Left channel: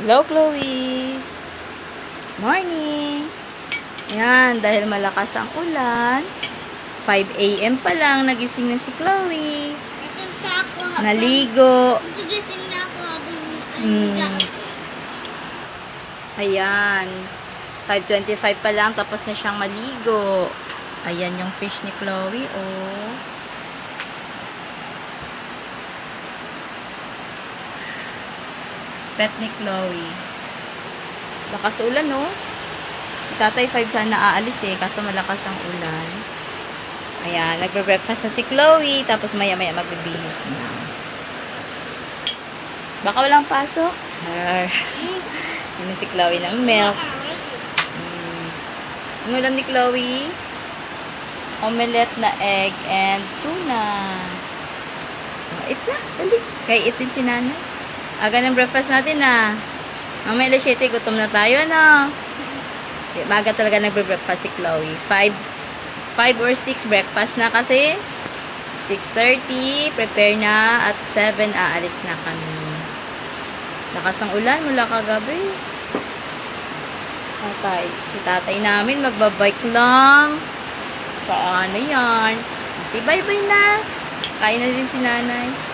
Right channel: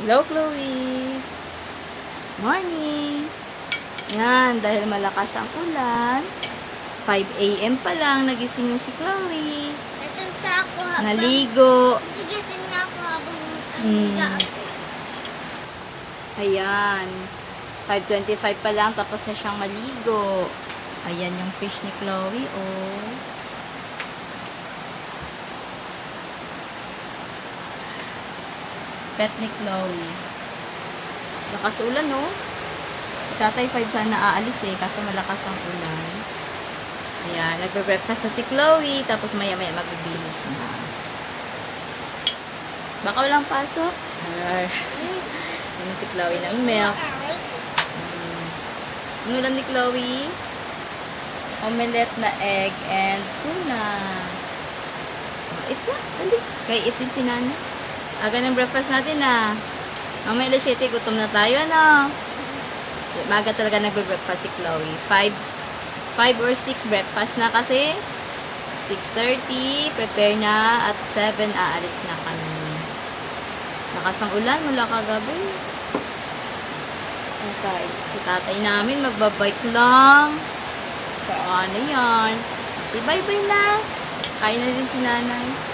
Hello, Chloe. Morning. Yan, dahil malakas ang ulan, 5 AM pa lang, nagising na si Chloe. Naligo. Nagising na ako habang Ayan. 5:25 pa lang, tapos na siyang maligo. Ayan yung fish ni Chloe, oh. Pet ni Chloe. Lakas ulan, no? Si Tatay 5 sana aalis eh, kaso malakas ang ulan. Ayan, nagbe-breakfast na si Chloe, tapos maya-maya magbibihis na. Baka walang pasok? Char. Ano si Chloe ng milk. Ang ulam ni Chloe? Omelette na egg and tuna. Oh, eat na, dali. Kaya eat din si Nanay. Aga ng breakfast natin na. Mamaya alas 7, gutom na tayo, ano? Maga talaga nagbe-breakfast si Chloe. 5 or 6 breakfast na kasi. 6:30, prepare na. At 7, aalis na kami. Lakas ng ulan mula kagabi. Si tatay namin magbabike lang. Paano yan? Kasi bye-bye na. Kain na din si nanay.